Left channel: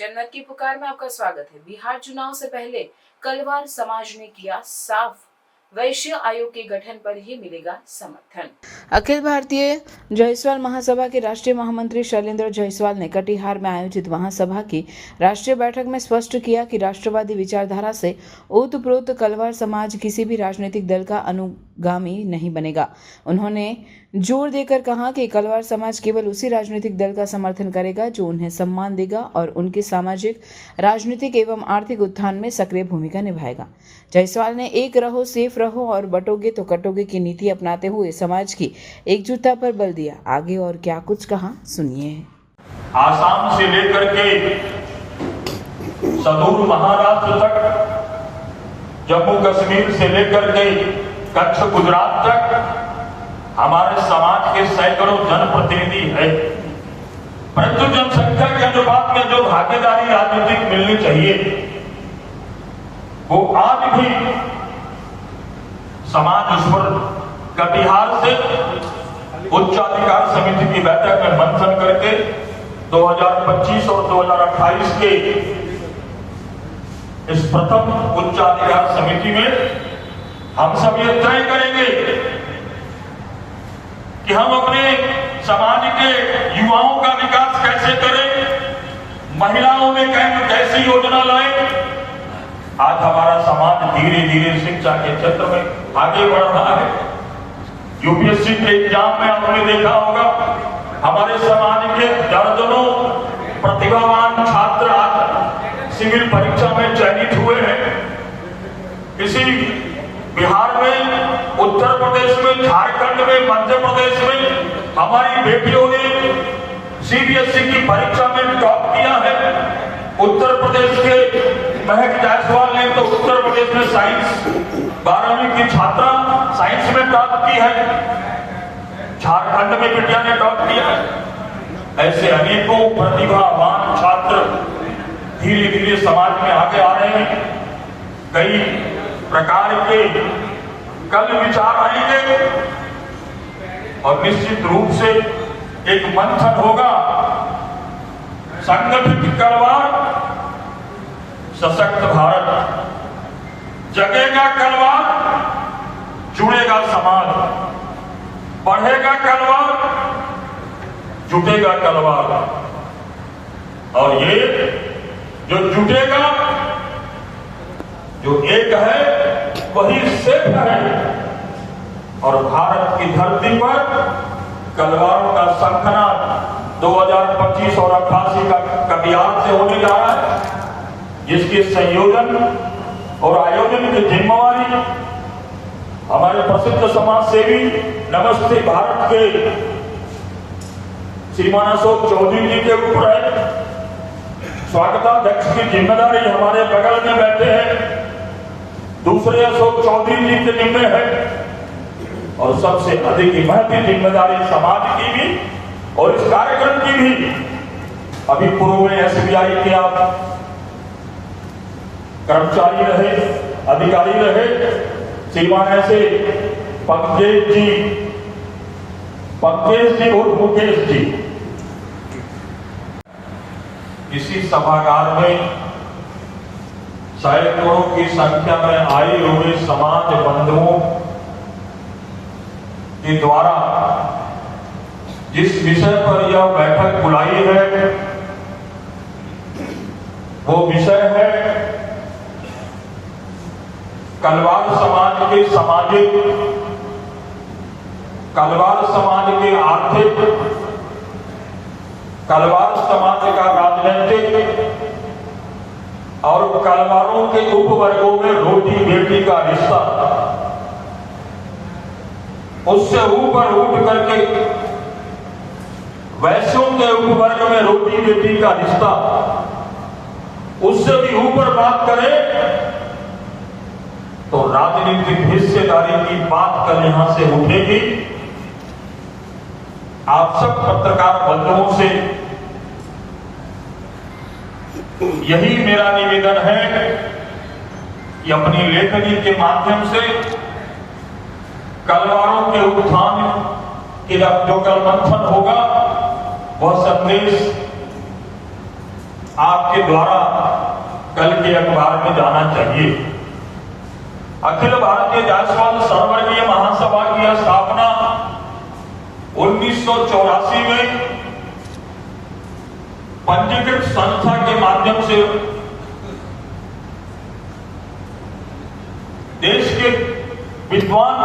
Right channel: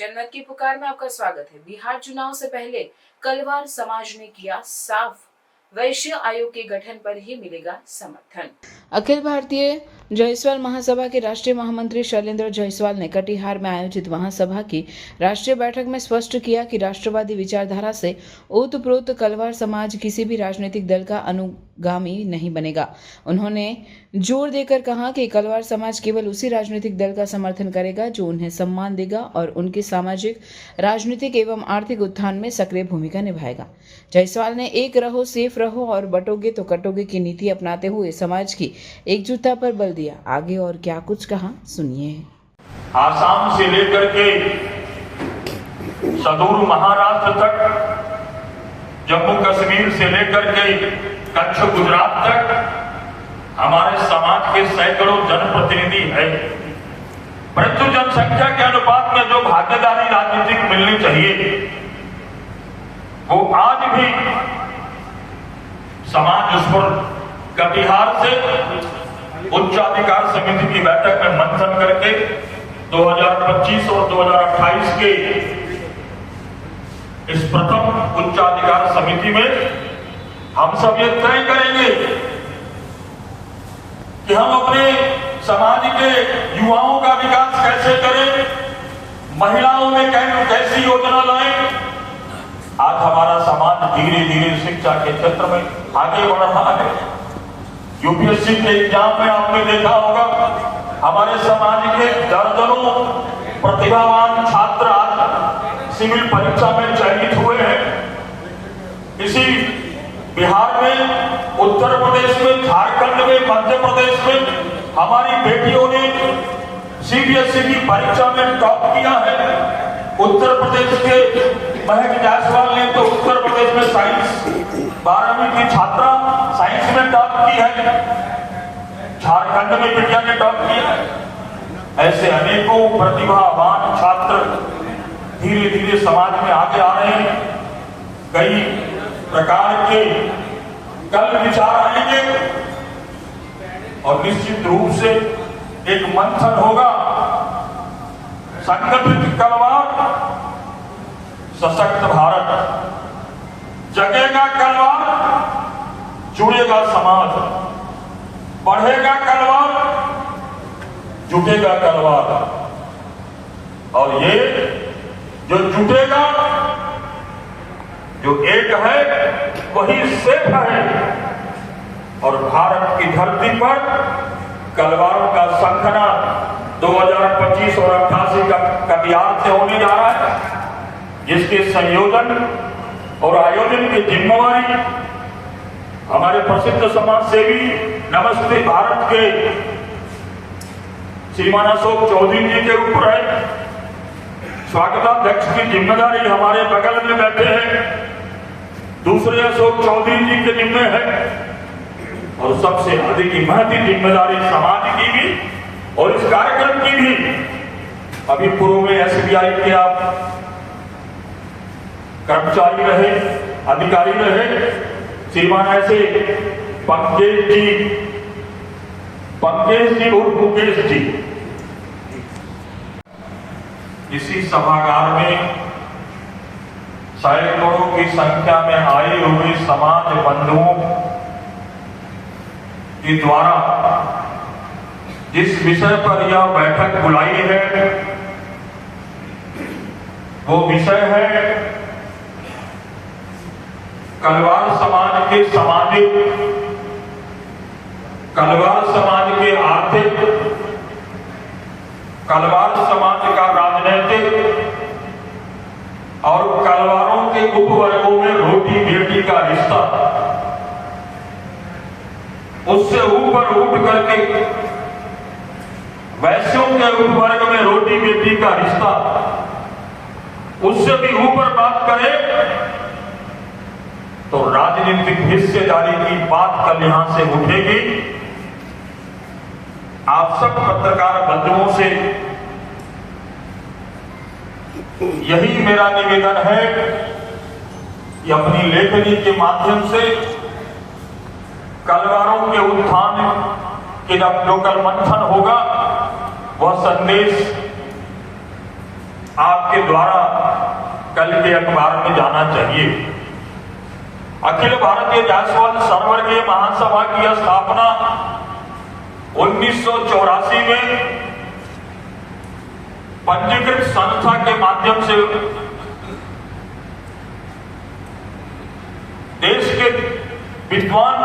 जनमत की पुकार में आपका स्वागत है। बिहार चुनाव से पहले कलवार समाज ने किया साफ, वैश्य आयोग के गठन पर ही मिलेगा समर्थन। अखिल भारतीय जायसवाल महासभा के राष्ट्रीय महामंत्री शैलेंद्र जायसवाल ने कटिहार में आयोजित महासभा की राष्ट्रीय बैठक में स्पष्ट किया कि राष्ट्रवादी विचारधारा से ओतप्रोत कलवार समाज किसी भी राजनीतिक दल का अनुगामी नहीं बनेगा। उन्होंने जोर देकर कहा कि कलवार समाज केवल उसी राजनीतिक दल का समर्थन करेगा जो उन्हें सम्मान देगा और उनके सामाजिक, राजनीतिक एवं आर्थिक उत्थान में सक्रिय भूमिका निभाएगा। जायसवाल ने एक रहो, सेफ रहो और बटोगे तो कटोगे की नीति अपनाते हुए समाज की एकजुटता पर बल दिया। आगे और क्या कुछ कहा, सुनिए। आसाम से लेकर के सुदूर महाराष्ट्र तक, जम्मू कश्मीर से लेकर के कच्छ गुजरात तक हमारे समाज के सैकड़ों जनप्रतिनिधि है, परंतु जनसंख्या के अनुपात में जो भागीदारी राजनीतिक मिलनी चाहिए वो आज भी समाज उस पर कटिहार से उच्चाधिकार समिति की बैठक में मंथन करके 2025 और 2028 के इस प्रथम उच्चाधिकार समिति में हम सब ये तय करेंगे कि हम अपने समाज के युवाओं का विकास कैसे करें, महिलाओं में कैसी योजना लाएं। आज हमारा समाज धीरे धीरे शिक्षा के क्षेत्र में आगे बढ़ रहा है। यूपीएससी के एग्जाम में आपने देखा होगा, हमारे समाज के दर्जनों प्रतिभावान छात्र आज सिविल परीक्षा में चयनित हुए हैं। इसी बिहार में, उत्तर प्रदेश में, झारखंड में, मध्य प्रदेश में हमारी बेटियों ने सीबीएसई की परीक्षा में टॉप किया है। उत्तर प्रदेश के महक जायसवाल ने तो उत्तर प्रदेश में साइंस 12वीं की छात्रा साइंस में टॉप की है, झारखंड में बिटिया ने टॉप किया है। ऐसे अनेकों प्रतिभावान छात्र धीरे धीरे समाज में आगे आ रहे हैं। कई प्रकार के कल विचार आएंगे और निश्चित रूप से एक मंथन होगा। संगठित कलवार, सशक्त भारत, जगेगा कलवार, जुड़ेगा समाज, बढ़ेगा कलवार, जुटेगा कलवार। और ये जो जुटेगा, जो एक है वही सेफ है। और भारत की धरती पर कलवारों का शंखनाद 2025 और 88 का कटिहार से होने जा रहा है, जिसके संयोजन और आयोजन की जिम्मेवारी हमारे प्रसिद्ध समाज सेवी नमस्ते भारत के श्रीमान अशोक चौधरी जी के ऊपर है। स्वागताध्यक्ष की जिम्मेदारी हमारे बगल में बैठे हैं दूसरे अशोक चौधरी जी के जिम्मे है। और सबसे अधिक महती जिम्मेदारी समाज की भी और इस कार्यक्रम की भी। अभी पूर्व में एसबीआई के आप कर्मचारी रहे, अधिकारी रहे, श्रीमान ऐसे पंकज जी और मुकेश जी, इसी सभागार में सैकड़ों की संख्या में आए हुए समाज बंधुओं के द्वारा जिस विषय पर यह बैठक बुलाई है वो विषय है कलवार समाज के सामाजिक, कलवार समाज के आर्थिक, कलवार समाज का राजनीतिक और कलवारों के उपवर्गों में रोटी बेटी का रिश्ता। उससे ऊपर उठ करके वैश्यों के उपवर्ग में रोटी बेटी का रिश्ता, उससे भी ऊपर बात करें तो राजनीतिक हिस्सेदारी की बात कल यहां से उठेगी। आप सब पत्रकार बंधुओं से यही मेरा निवेदन है कि अपनी लेखनी के माध्यम से कलवारों के उत्थान के जो कल मंथन होगा वह संदेश आपके द्वारा कल के अखबार में जाना चाहिए। अखिल भारतीय जायसवाल सर्ववर्गीय महासभा की स्थापना 1984 में पंजीकृत संस्था के माध्यम से देश के विद्वान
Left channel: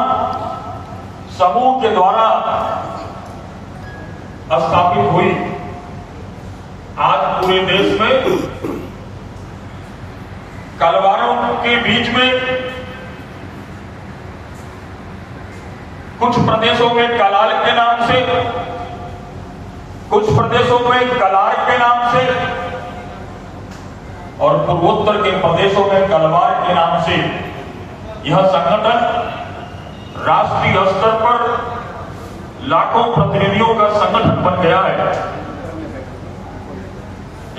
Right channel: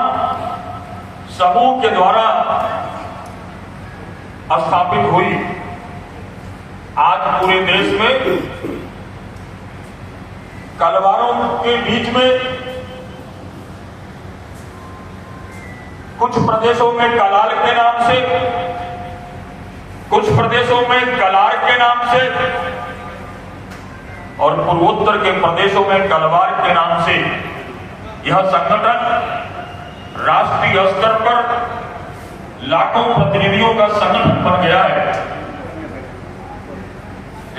समूह के द्वारा स्थापित हुई। आज पूरे देश में कलवारों के बीच में कुछ प्रदेशों में कलाल के नाम से, कुछ प्रदेशों में कलार के नाम से और पूर्वोत्तर के प्रदेशों में कलवार के नाम से यह संगठन राष्ट्रीय स्तर पर लाखों प्रतिनिधियों का संगठन बन गया है।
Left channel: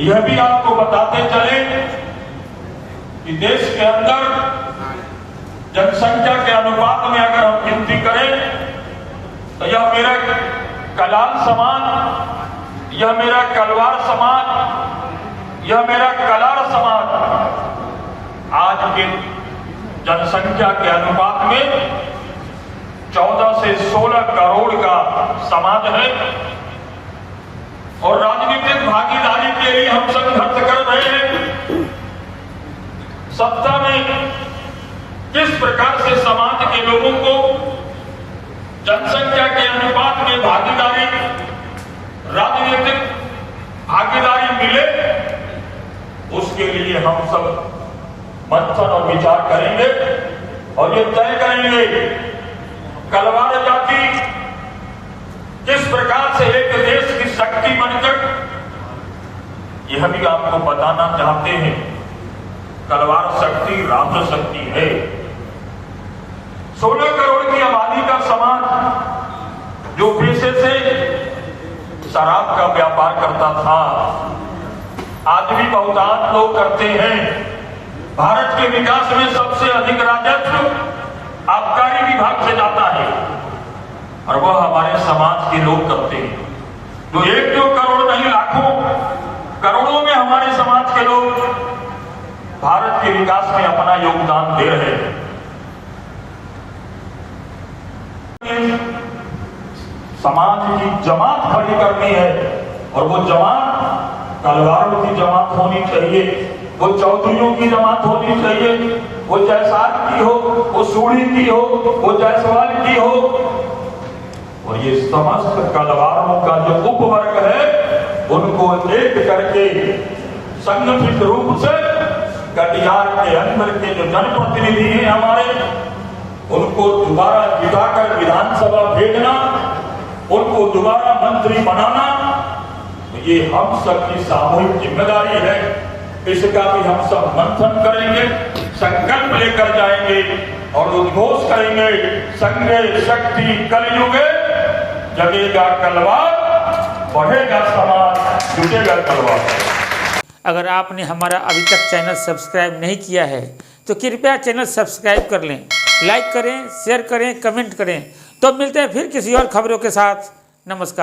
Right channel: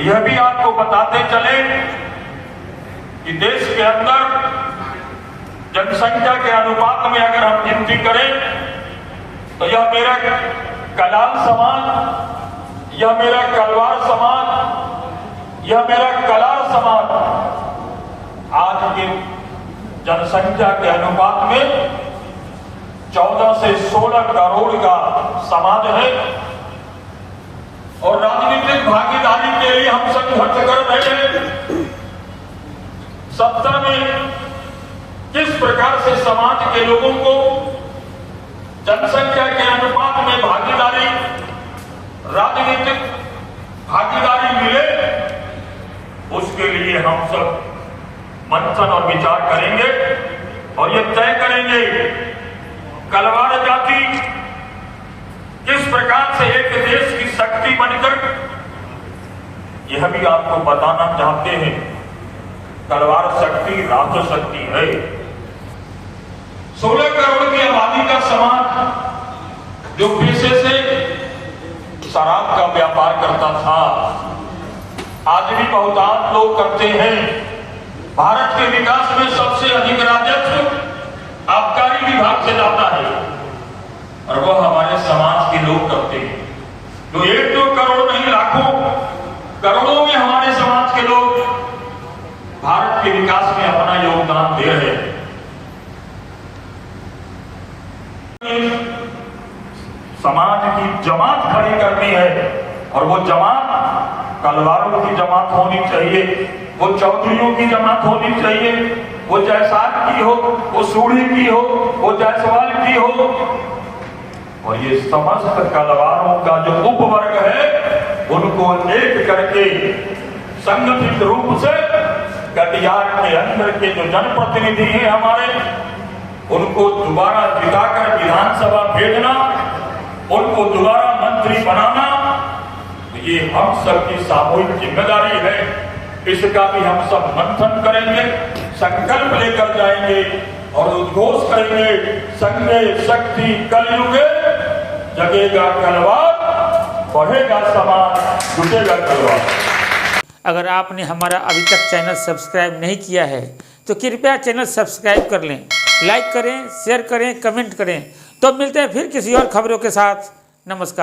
यह भी आपको बताते चले कि देश के अंदर जनसंख्या के अनुपात में अगर हम गिनती करें तो यह मेरा कलाल समाज, यह मेरा कलवार समाज, यह मेरा कलार समाज आज के जनसंख्या के अनुपात में 14 से 16 करोड़ का समाज है। और राजनीतिक भागीदारी के लिए हम संघर्ष कर रहे हैं। सत्ता में किस प्रकार से समाज के लोगों को जनसंख्या के अनुपात में भागीदारी, राजनीतिक भागीदारी मिले, उसके लिए हम सब मंथन और विचार करेंगे और ये तय करेंगे कलवार जाति किस प्रकार से एक देश की शक्ति बनकर, यह भी आपको बताना चाहते हैं, तलवार शक्ति राष्ट्र शक्ति है। 16 करोड़ की आबादी का समाज जो पेशे से शराब का व्यापार करता था, आज भी बहुतांश लोग करते हैं। भारत के विकास में सबसे अधिक राजस्व आबकारी विभाग से जाता है और वह हमारे समाज के लोग करते हैं। जो 1-2 करोड़ नहीं, लाखों करोड़ों में हमारे समाज के लोग भारत के विकास में अपना योगदान दे रहे हैं। समाज की जमात खड़ी करनी है और वो जमात कलवारों की जमात होनी चाहिए, वो चौधरियों की जमात होनी चाहिए, वो जायसवाल की हो, वो सूढ़ी की हो, वो जायसवाल की हो। और ये समस्त कलवारों का जो उपवर्ग है उनको एक करके संगठित रूप से कटिहार के अंदर के जो जनप्रतिनिधि हैं हमारे, उनको दोबारा जिताकर विधानसभा भेजना, उनको दोबारा मंत्री बनाना, ये हम सबकी सामूहिक जिम्मेदारी है। इसका भी हम सब मंथन करेंगे, संकल्प लेकर जाएंगे और उद्घोष करेंगे, संघे शक्ति कलयुगे, जगेगा कलवार, बढ़ेगा समाज, जुटेगा कलवार। अगर आपने हमारा अभी तक चैनल सब्सक्राइब नहीं किया है तो कृपया चैनल सब्सक्राइब कर लें, लाइक करें, शेयर करें, कमेंट करें। तो मिलते हैं फिर किसी और खबरों के साथ। नमस्कार।